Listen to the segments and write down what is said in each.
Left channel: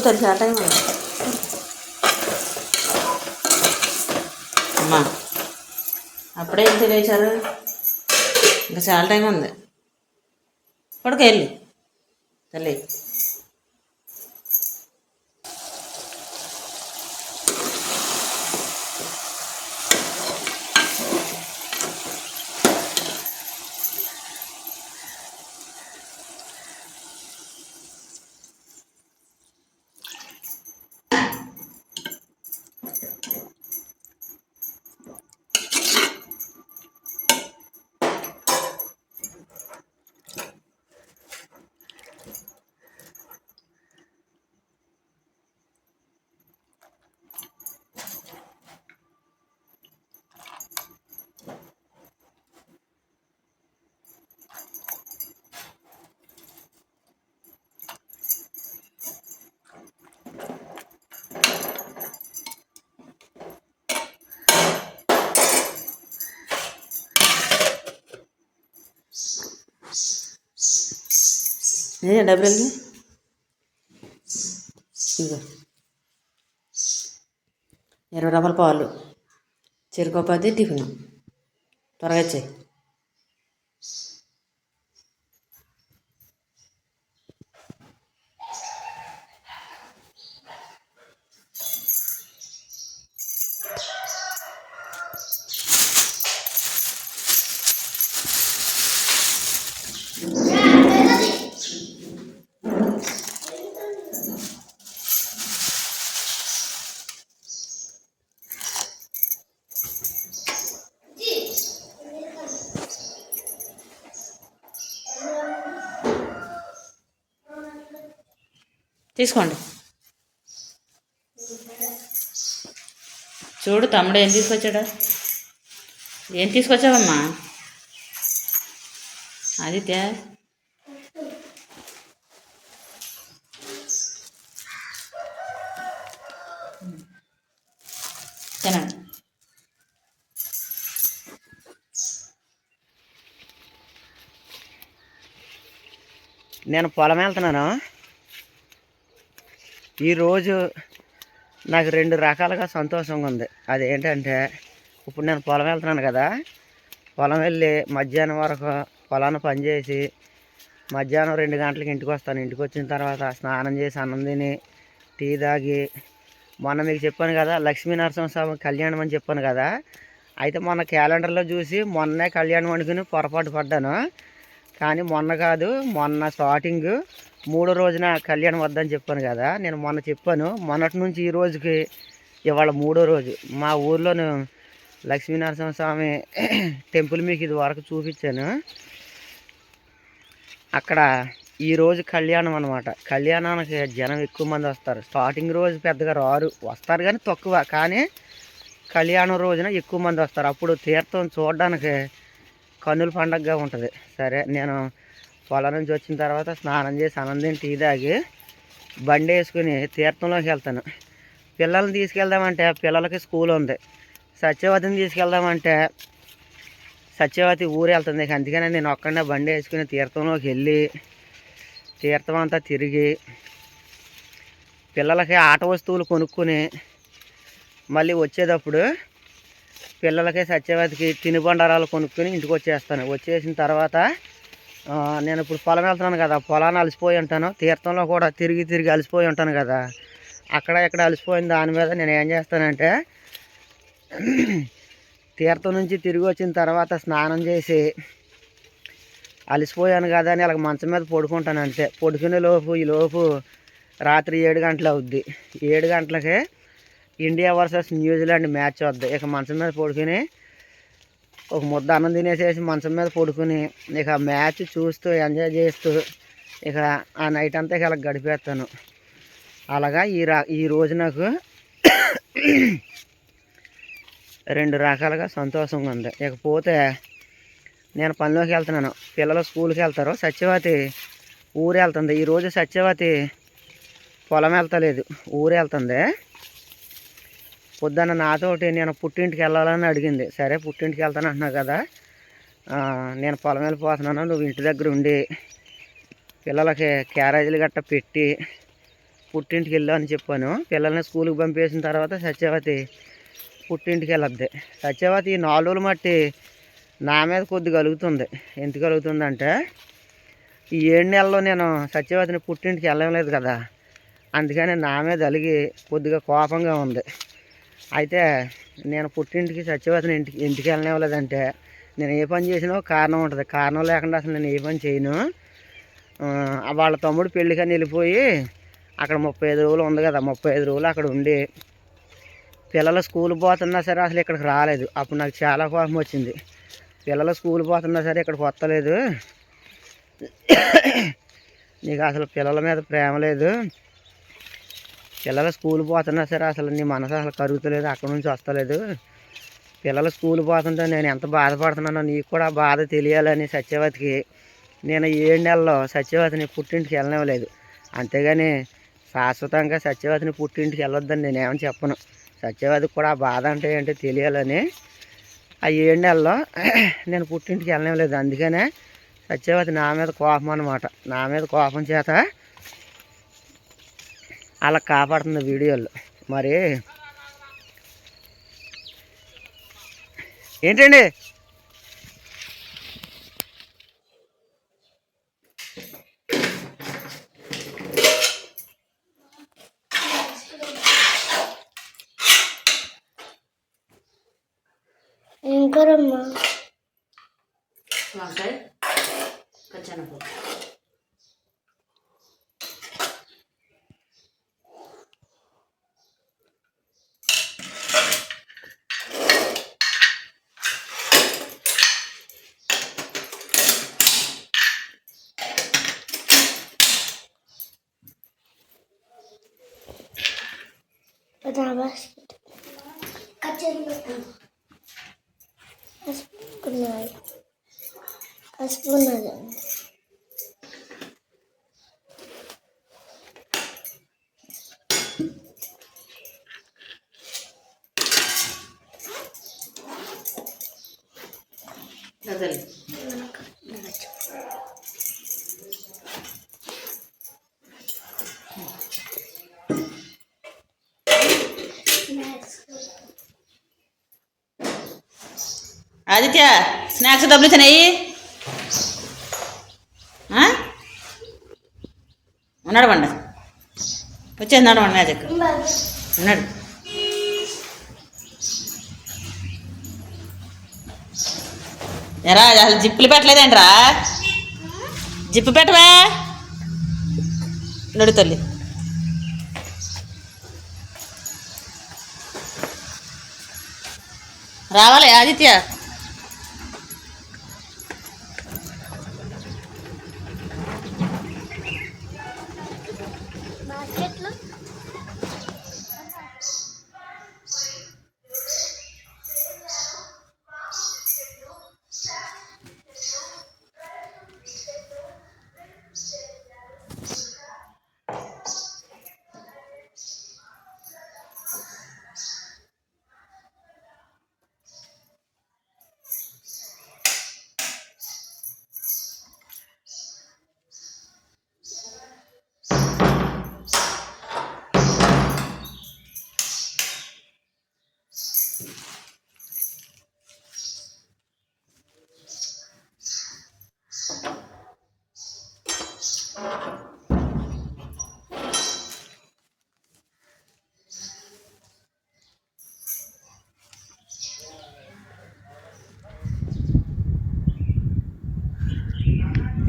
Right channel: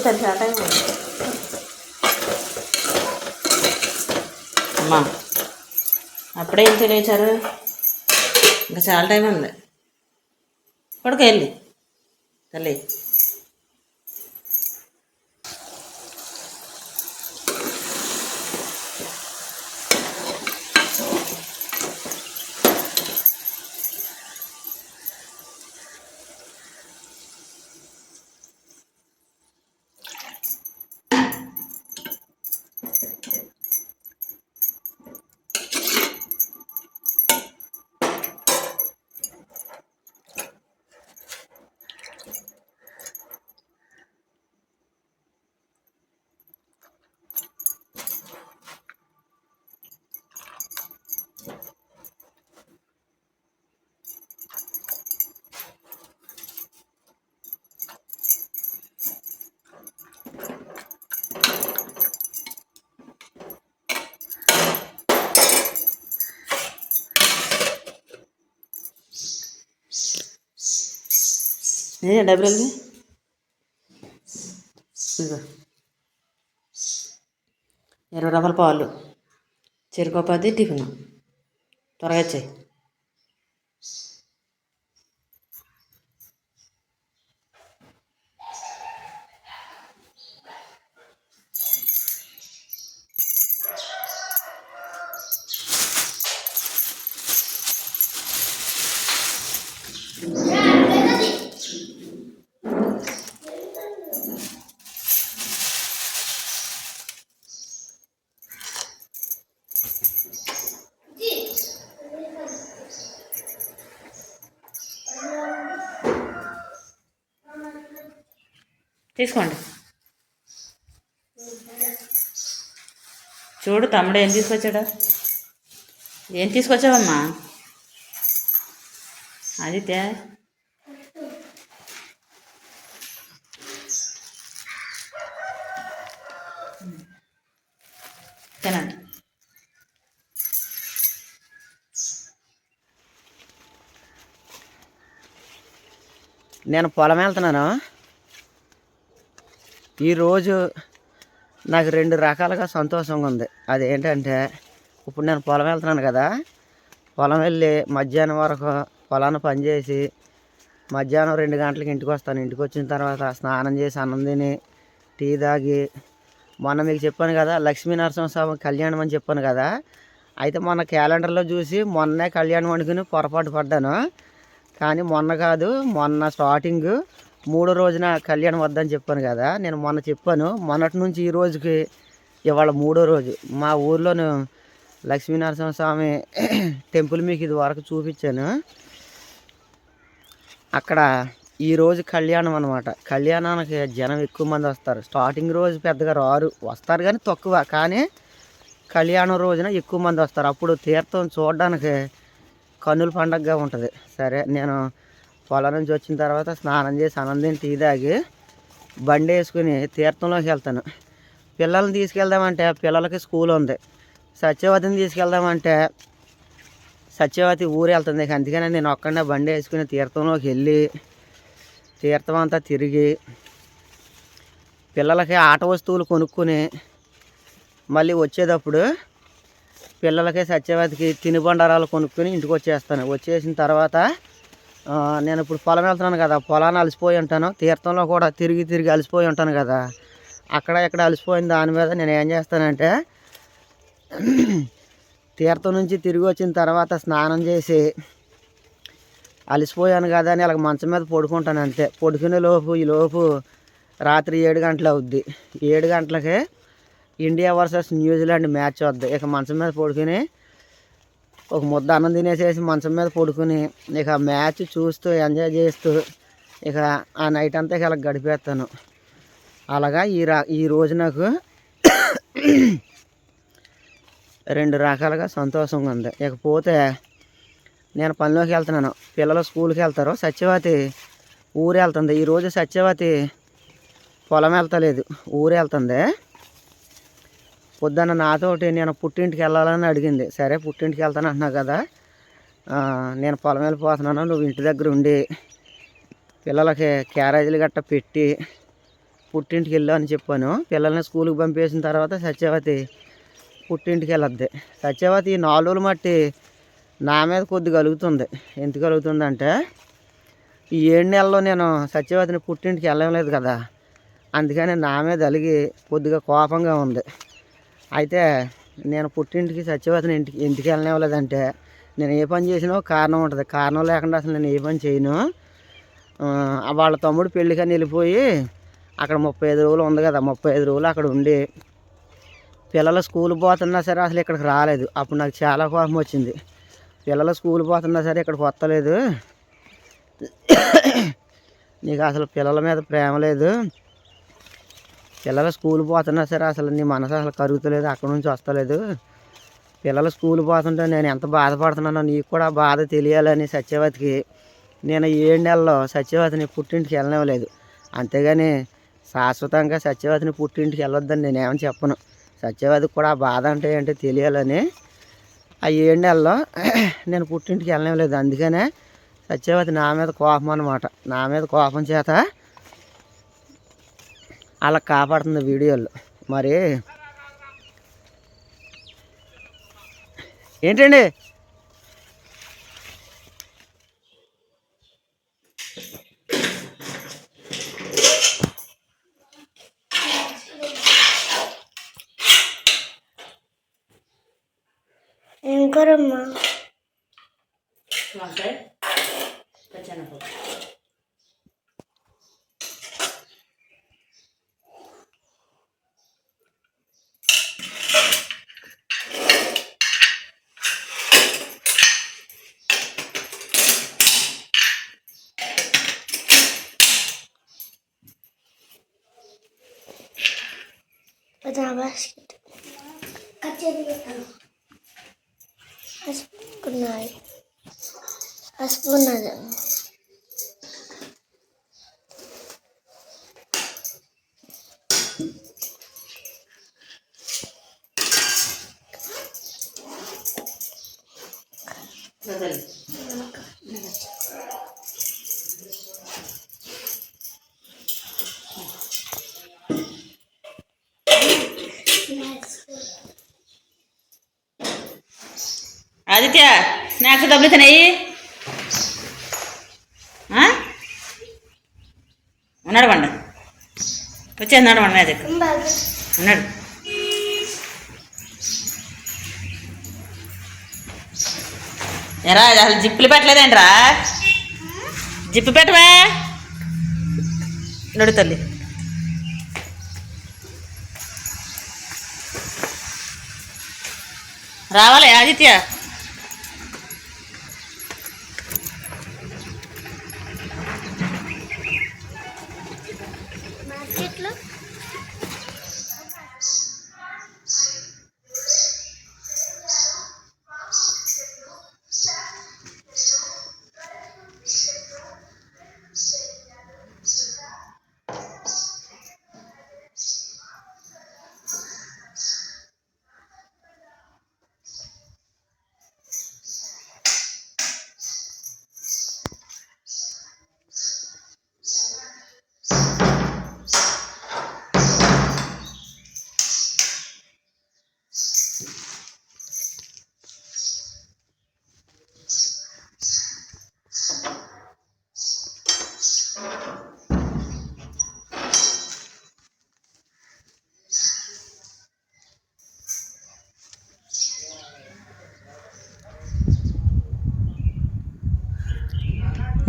పడుకో తెలుసు ఆ అమ్మా అప్పుడే ఏం తెలియచారు ఇంకా చాలా టైం ఉంది. పడుకో వెళ్ళి. తల్లి. డబ్బులు వెళ్ళి ఇదిగో ఇరవై రూపాయల పాలు చెరుకు పది టిఫిన్ త్వరగా వచ్చాయి తీసుకోండి. చూడు తమ్ముడు ఏం తీసుకొచ్చాడా? ఏం తీసుకొచ్చావమ్మా? ఆదిత్య? తినండి. నేను పొలం వెళ్తున్నాను. ఈరోజు నాకు రెండు రకాలుగా సంతోషంగా ఉంది. అది ఏంటంటే ఇప్పుడు నేను పొలం వెళ్తున్నాను కదా. పొలం వెళ్ళి మధ్యాహ్నం వరకు పొలాన్ని పనిచేసి మధ్యాహ్నం రెండు గంటలకి ఇంటికి వస్తాను. ఇంటికి వచ్చిన తర్వాత స్నానం చేసి అన్నం తిని టీ తాగి మొన్న మీకు చెప్పాను కదా లక్ష్మీ నరసింహస్వామి కళ్యాణం అని చెప్పాను కదా. అయితే మొన్న క్యాలెండర్లో చూసి మొన్నే కళ్యాణం వండుకుని పొరపాటు పడ్డాను. కానీ మొన్న కాదు మొన్న స్టార్టింగ్ మూడో రోజున కళ్యాణం వద్దని చెప్పాను కదా నేను మొన్న చెప్పాను. మొన్నటి నుంచి ఈ రోజుకి ఇవాళ మూడో రోజు. మా ఊర్లోను లక్ష్మీనరసింహ స్వామి టెంపుల్ మీకు ఇది వరకు చూపించాను. అక్కడ ఈ రోజు కళ్యాణం అనమాట కళ్యాణానికి జనం ఎక్కువ మంది వస్తారు. స్టార్టింగ్ రోజు పెద్దగా రారు. వస్తారు కానీ తక్కువ. కానీ కళ్యాణం రోజున ఎక్కువ మంది వస్తారు. అప్పుడు తీర్థం చూడడానికి కన్నుల పండగగా ఉంటుంది. సరే నేను పొలం నుంచి వచ్చిన తర్వాత స్నానం చేసి ఆనందం టీ తాగి బండి వేసుకుని తీర్థంలోకి వెళ్తాను. పిల్లల్ని తీసుకెళ్దామంటే పిల్లలకి స్కూల్ ఉంది. సత్యవతిని తీసుకెళ్దామంటే సత్యవతి ఊరు వెళ్తుంది. అందుకని నేను ఒక్కడే బండి వేసుకుని తీర్థంలోకి వెళ్ళి తీర్థం అంతా తిరిగి పిల్లలకి ఆట వస్తువులు కొనుక్కొని మళ్ళీ వచ్చేటప్పుడు పిల్లలకి సత్యవతికి తినుబండారాలు కొనుక్కొని ఇంటికి వచ్చేస్తాను. వచ్చేసిన తర్వాత నేను ఇప్పుడు పొలం వెళ్తున్నాను కదా పొలాన్ని అలసిపోయి ఉంటాను. తీర్థంలో కూడా తిరిగి తిరిగి అలసిపోయి ఉంటాను కదా. అక్కడ ఇక్కడ అలసిపోయిన దాని మీద నేను ఏం చేస్తానంటే తీర్థం నుంచి తిరిగి వచ్చిన తర్వాత స్నానం చేసి అలసిపోయాను కదా అని ఇలా మంచం మీద పడుకుంటాను అంతే. పడుకునే లోపు ఈ లోపు రాత్రి ఏడు గంటలు అవుద్ది. ఏడు గంటలకి ఇండియా వర్సెస్ న్యూజిలాండ్ మ్యాచ్ వద్దు. ఇక మంచం మీద పడుకుని ఒక ముద్ద అన్నం తినేసేసి మంచం మీద పడుకుని ఇక మ్యాచ్ చూస్తూ ఎంజాయ్ చేస్తూ ఇక ఆ నైట్ అంతా ఇక అలా గడిపేస్తాను. అలాగా ఈ రా ఈ రోజు నాకు రెండు రకాలుగా సంతోషంగా ఉంది. ఇకపోతే నేను పనిలోకి వెళ్తున్నాను. పిల్లలు స్కూల్కి వెళ్తారు. సత్యవతి ఊరు వెళ్తుంది. ఈరోజు సత్యవతి పొలం వెళ్తలేదు. ఊరు వెళ్తుంది. పొద్దున్న నాతోటి నేను పుట్టింటికి వెళ్ళాలని అడిగింది. సరే పుట్టింటికి వెళ్తాను అంటున్నావు కదా. నేను పొలం వెళ్ళిపోతున్నాను. నువ్వు ఇంటి దగ్గర ఉండి పిల్లలకి క్యారేజీలు గట్ట పెట్టి పుట్టింటికి వెళ్ళు అని చెప్పాను. పిల్లల్ని స్కూల్కి పంపేసిన తర్వాత సత్యవతి పుట్టింటికి వెళ్ళద్ది. సత్యవతి ఈ నాలుగు రోజులు మట్టి నా మీద కొద్ది కలుగుతుంది. ఎందుకు కలుగుతుందంటే ఈ ఏడు నెలల్లో నేను సత్యవతిని పుట్టింటికి వెళ్ళలేదు కదా. అందుకని నా మీద అలిగి కొద్దిగా కోపంగా ఉంది. అయితే నేను పుట్టింటికి సత్యవతిని ఇంటికి ఇంటికి వెళ్ళనివ్వలేదంటే నేను ఏ పని చేసినా కారణం ఉంటుంది. కారణం లేకుండా అసలు నేను ఏ పని చేయను. వాళ్ళ తమ్ముడు పెళ్ళికని వెళ్ళిపోయి అక్కడ ముప్పై ఐదు రోజులు ఉంది కదా ముప్పై ఐదు రోజులు అక్కడ ఉండి పిల్లలు స్కూల్ పోతున్నా సరే అసలు ఇక్కడికి రాలేదు. అప్పుడు నాకు చాలా కోపం వచ్చింది. పిల్లలు స్కూల్ పోతున్నా సరే ఇక్కడికి వస్తలేదు. నీకు అసలు పిల్లల మీద ప్రేమ లేదు. పిల్లలు స్కూల్ పోతున్నా సరే అసలు నీ మనసు అసలు కరుగుతలేదు అక్కడ నుంచి వస్తలేదు. పిల్లలు స్కూల్ పోతుంటే నేను ఎంత బాధపడుతున్నానో నీకు కూడా బాధ తెలియాలని సత్యవతికి. నేను ఏడు నెలలో సత్యవతిని పుట్టింటికి వెళ్ళనివ్వలేదు. అంతేగాని శాశ్వతంగా సత్యవతిని పుట్టింటికి వెళ్ళొద్దని నేను చెప్పను. సత్యవతికి కూడా బాధ అంటే ఏంటో తెలియాలని ఆ ఏడు నెలలో నేను పుట్టింటికి వెళ్ళనివ్వలేదు. అందుకనే సత్యవతి నా మీద కోపం అనమాట నా మీద కోపం చేత అలా కాపాడుతుంది వీడియోలో. మరి ఏంటండి? Hadi başladım. Kaçırmıyorum. Hasbunay. Hasbunayım. Neden? Evet. Aditya snacks డబ్బులు తినాయి ఉన్నాడు వండ వచ్చేస్తున్నాడు వండ అది ఉన్నాడు. ఎరా అసలు జిప్పులు పెట్టలేదేంట్రా? జిప్పు పెట్టవే. నడు తల్లి. రావాలి ఆదిత్య.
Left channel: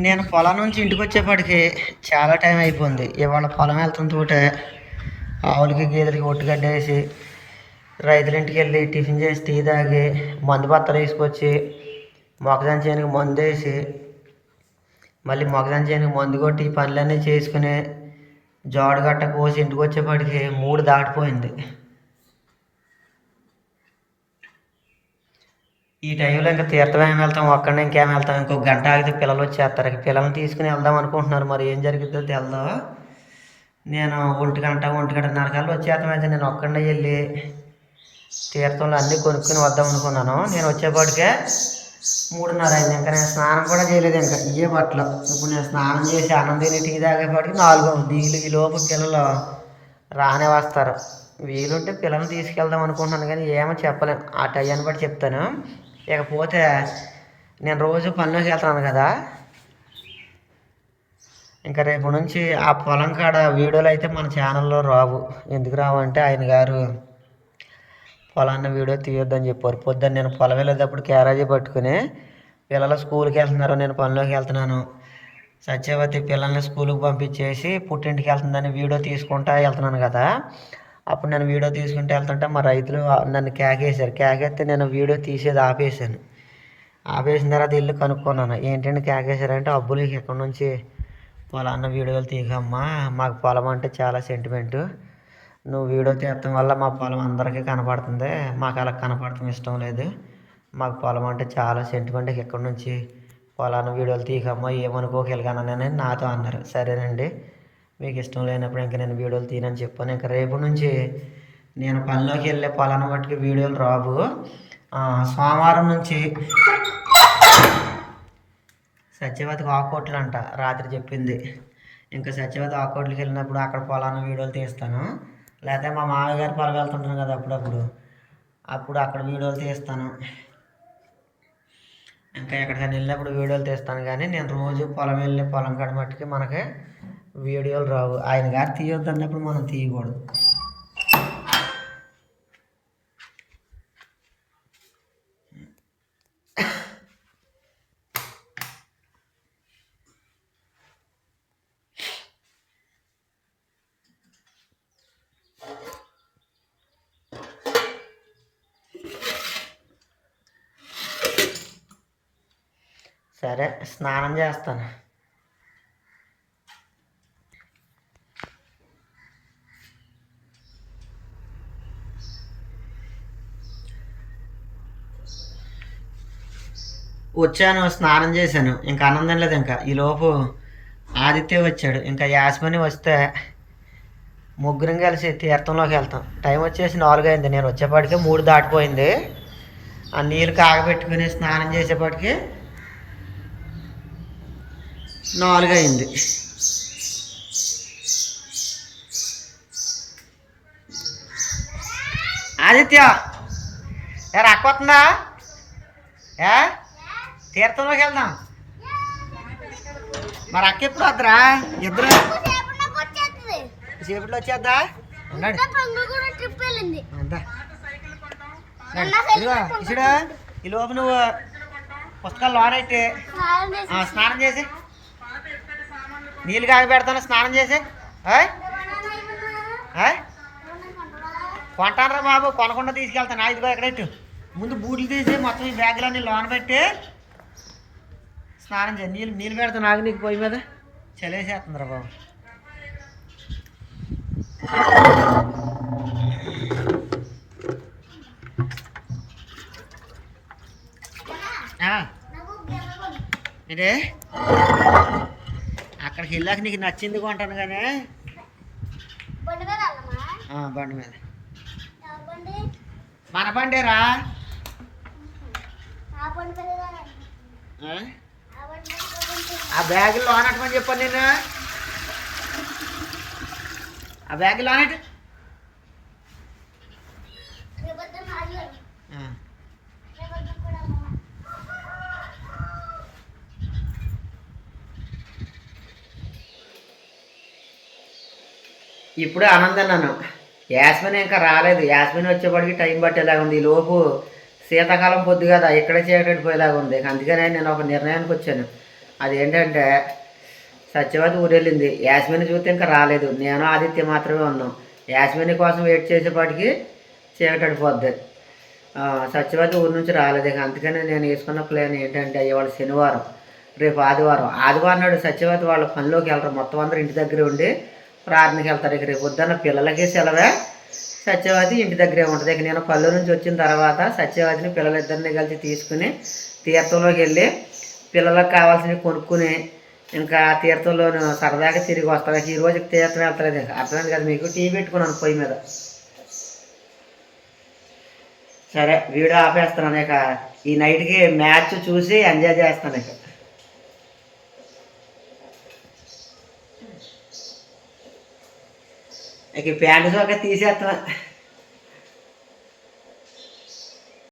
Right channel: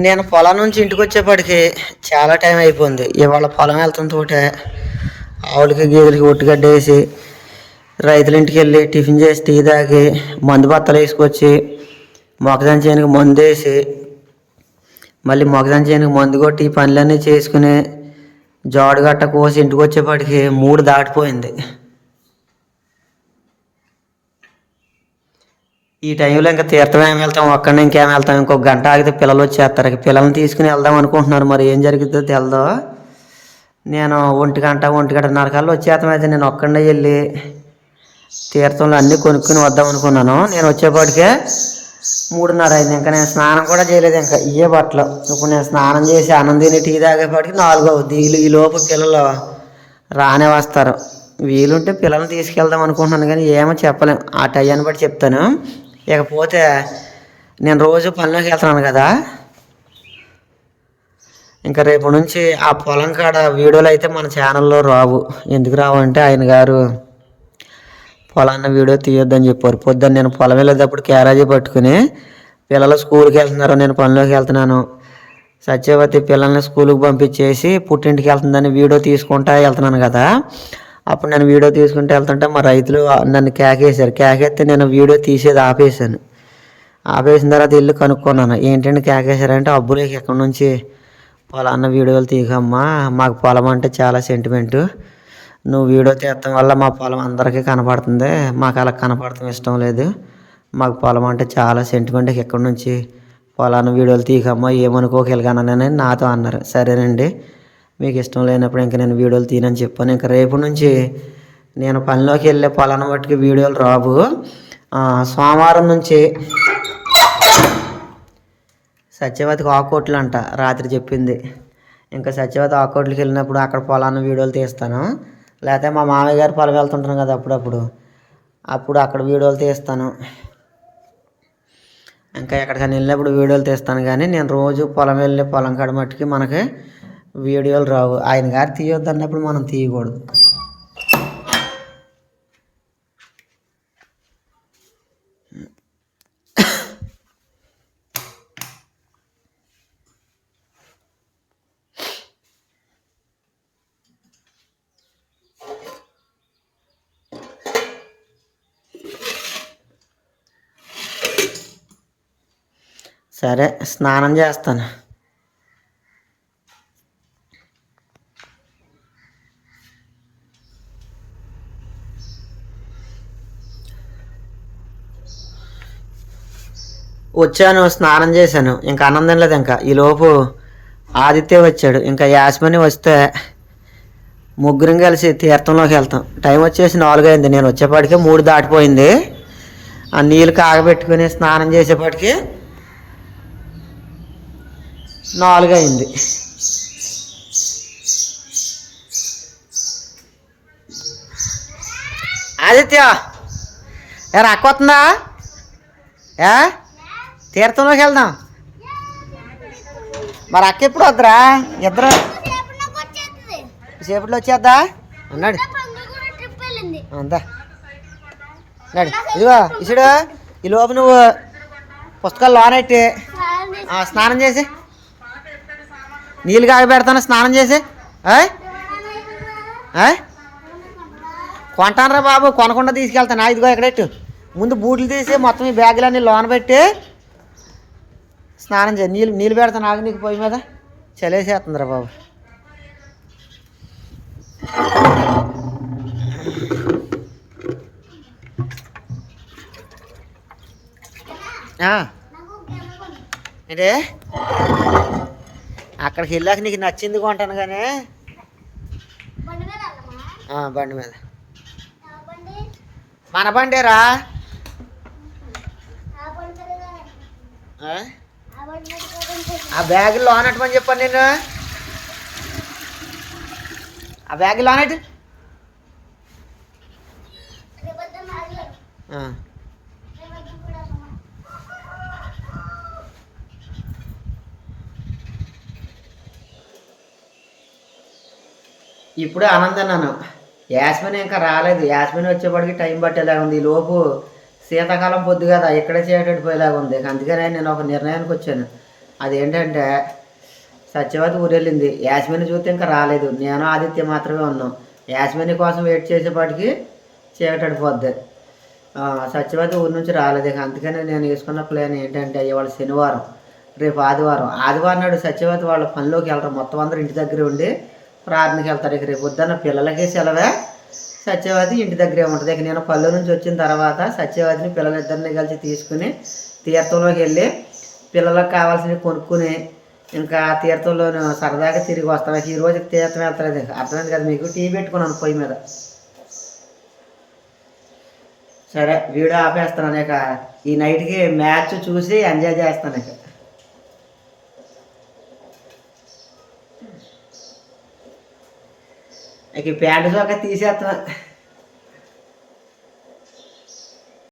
నేను పొలం నుంచి ఇంటికి వచ్చేప్పటికి చాలా టైం అయిపోయింది. ఇవాళ పొలం వెళ్తుంటే ఆవులకి గేదెలకి ఒట్టుగడ్డ వేసి రైతుల ఇంటికి వెళ్ళి టిఫిన్ చేసి టీ తాగి మందు బత్తలు వేసుకొచ్చి మొక్కజొన్న చేనుకి మందు వేసి మళ్ళీ మొక్కజొన్న చేనుకి మందు కొట్టి పనులన్నీ చేసుకుని జోడు గట్ట కోసి ఇంటికి వచ్చేప్పటికి మూడు దాటిపోయింది. ఈ టైంలో ఇంకా తీర్థం ఏం వెళ్తాం? ఒక్కడిని ఇంకేం వెళ్తాం? ఇంకొక గంట ఆగితే పిల్లలు వచ్చేస్తారు. పిల్లల్ని తీసుకుని వెళ్దాం అనుకుంటున్నారు. మరి ఏం జరుగుతుందో తెలదో? నేను ఒంటి గంట ఒంటి గంటన్నర కల్లా వచ్చేస్తాం అయితే నేను ఒక్కడే వెళ్ళి తీర్థంలో అన్నీ కొనుక్కుని వద్దాం అనుకున్నాను. నేను వచ్చేపాటికే మూడున్నర అయింది. ఇంకా నేను స్నానం కూడా చేయలేదు. ఇంకా ఇయ్యే బట్టలు. ఇప్పుడు నేను స్నానం చేసి ఆనందిని టీ తాగేపాటికి నాలుగు అవుద్ది. ఈ- లోపు పిల్లలు రానే వస్తారు. వీలుంటే పిల్లల్ని తీసుకెళ్దాం అనుకుంటున్నాను. కానీ ఏమో చెప్పలేం. ఆ టైం బట్టి చెప్తాను. ఇకపోతే నేను రోజు పనిలోకి వెళ్తున్నాను కదా. ఇంకా రేపు నుంచి ఆ పొలం కాడ వీడియోలు అయితే మన ఛానల్లో రావు. ఎందుకు రావు అంటే ఆయన గారు పొలాన్న వీడియో తీయొద్దని చెప్పారు. పొద్దున్న నేను పొలం వెళ్ళేటప్పుడు క్యారేజీ పట్టుకుని పిల్లలు స్కూల్కి వెళ్తున్నారు. నేను పనిలోకి వెళ్తున్నాను. సత్యవతి పిల్లల్ని స్కూల్కి పంపించేసి పుట్టింటికి వెళ్తుందని వీడియో తీసుకుంటా వెళ్తున్నాను కదా. అప్పుడు నేను వీడియో తీసుకుంటూ వెళ్తుంటే మా రైతులు నన్ను కేకేశారు. కేకేస్తే నేను వీడియో తీసేది ఆపేశాను. ఆపేసిన తర్వాత ఇల్లు కనుక్కున్నాను. ఏంటంటే కేకేశారంటే అబ్బులేకి ఎక్కడి నుంచి పొలాన్న వీడియోలు తీయకమ్మా మాకు పొలం అంటే చాలా సెంటిమెంట్ నువ్వు వీడియో తీయటం వల్ల మా పొలం అందరికీ కనపడుతుంది. మాకు అలా కనపడటం ఇష్టం లేదు. మాకు పొలం అంటే చాలా సెంటిమెంట్ ఎక్కడి నుంచి పొలాన్న వీడియోలు తీయకమ్మా ఏమనుకోగలిగానని నాతో అన్నారు. సరేనండి. మీకు ఇష్టం లేనప్పుడు ఇంకా నేను వీడియోలు తీనని చెప్పాను. ఇంకా రేపు నుంచి నేను పనిలోకి వెళ్ళే పొలాన్ని మట్టికి వీడియోలు రావు. సోమవారం నుంచి సత్యవతికి ఆకోట్లు అంట రాత్రి చెప్పింది. ఇంకా సత్యవతి ఆకోట్లకి వెళ్ళినప్పుడు అక్కడ పొలాన్ని వీడియోలు తీస్తాను. లేకపోతే మా మామయ్య గారు పొలం వెళ్తుంటాను కదా అప్పుడప్పుడు. అప్పుడు అక్కడ వీడియోలు తీస్తాను. ఇంకా ఎక్కడికైనా వెళ్ళినప్పుడు వీడియోలు తీస్తాను. కానీ నేను రోజు పొలం వెళ్ళి పొలం కాడ మట్టుకి మనకి వీడియోలు రావు. ఆయన గారు తీయొద్దు అన్నప్పుడు మనం తీయకూడదు. సరే స్నానం చేస్తాను. వచ్చాను స్నానం చేశాను. ఇంకా ఆనందం లేదు ఇంకా. ఈలోపు ఆదిత్య వచ్చాడు. ఇంకా యాస్మని వస్తే ముగ్గురం కలిసి తీర్థంలోకి వెళ్తాం. టైం వచ్చేసి నాలుగు అయింది. నేను వచ్చేపాటికే మూడు దాటిపోయింది. ఆ నీళ్ళు కాగబెట్టుకుని స్నానం చేసేపాటికి నాలుగు అయింది. ఆదిత్య ఏ రక్క వస్తుందా ఏ? తీర్థంలోకి వెళ్దాం. మరి అక్క ఎప్పుడు వద్దురా? ఇద్దరు సేపట్లో వచ్చేద్దా అన్నాడు అందా. ఇదిగో ఇసుడు ఈ లోపు నువ్వు పుస్తకాలు లోనెట్టి. స్నానం చేసి నీళ్ళు కాగ పెడతాను స్నానం చేసి? కొంటానరా బాబు కొనకుండా తీసుకెళ్తాను. ఇదిగో ఎక్కడెట్టు ముందు బూట్లు తీసి మొత్తం ఈ బ్యాగులన్నీ లోన పెట్టి. స్నానం చేయి నీళ్ళు నీళ్ళు పెడతాను ఆగి నీకు పొయ్యి మీద. చలేసేస్తుందిరా బాబు. ఆ. ఏంటే? అక్కడికి వెళ్ళాక నీకు నచ్చింది కొంటాను కానీ. బండి మీద. మన బండేరా నా బండి మీద వెళ్ళాలి. ఆ? నా బండి బ్యాగ్ లోనట్టమని చెప్పాను నేను ఆ బ్యాగ్ లోనట్టు ఇప్పుడు ఆనందన్నాను యాస్మిన్ ఇంకా రాలేదు. యాస్మిన్ వచ్చేప్పటికి టైం పట్టేలాగా ఉంది. లోపు శీతాకాలం పొద్దు కదా. ఇక్కడే చేయటట్టు పోయేలాగా ఉంది. అందుకనే నేను ఒక నిర్ణయానికి వచ్చాను. అదేంటంటే సత్యవతి ఊరెళ్ళింది. యాస్మిని చూస్తే ఇంకా రాలేదు. నేను ఆదిత్య మాత్రమే ఉన్నాం. యాస్మిని కోసం వెయిట్ చేసేపాటికి చీకటడిపోద్ది సత్యవతి ఊరి నుంచి రాలేదు. ఇక అందుకనే నేను వేసుకున్న ప్లాన్ ఏంటంటే ఇవాళ శనివారం రేపు ఆదివారం. ఆదివారం నాడు సత్యవతి వాళ్ళ పనిలోకి వెళ్ళరు మొత్తం అందరూ ఇంటి దగ్గరే ఉండి ప్రార్థనకి వెళ్తారు. ఇక రేపు పొద్దున్న పిల్లలకి సెలవే. సత్యవతి ఇంటి దగ్గరే ఉంటుంది. ఇక నేను పల్లె నుంచి వచ్చిన తర్వాత సత్యవతిని పిల్లలిద్దరిని కలిసి తీసుకుని తీర్థంలోకి వెళ్ళి పిల్లలకు కావాల్సినవి కొనుక్కుని ఇంకా తీర్థంలో సరదాగా తిరిగి వస్తాను ఈ రోజు తీర్థం వెళ్తలేదు ఇంకా. అర్థమైంది కదా మీకు? టీ పెట్టుకున్నాను పొయ్యి మీద. సరే వీడియో ఆపేస్తున్నాను ఇక. ఈ నైట్కి మ్యాచ్ చూసి ఎంజాయ్ చేస్తాను ఇక. ఇక ప్యాంటు సొక్క తీసేస్తున్నా.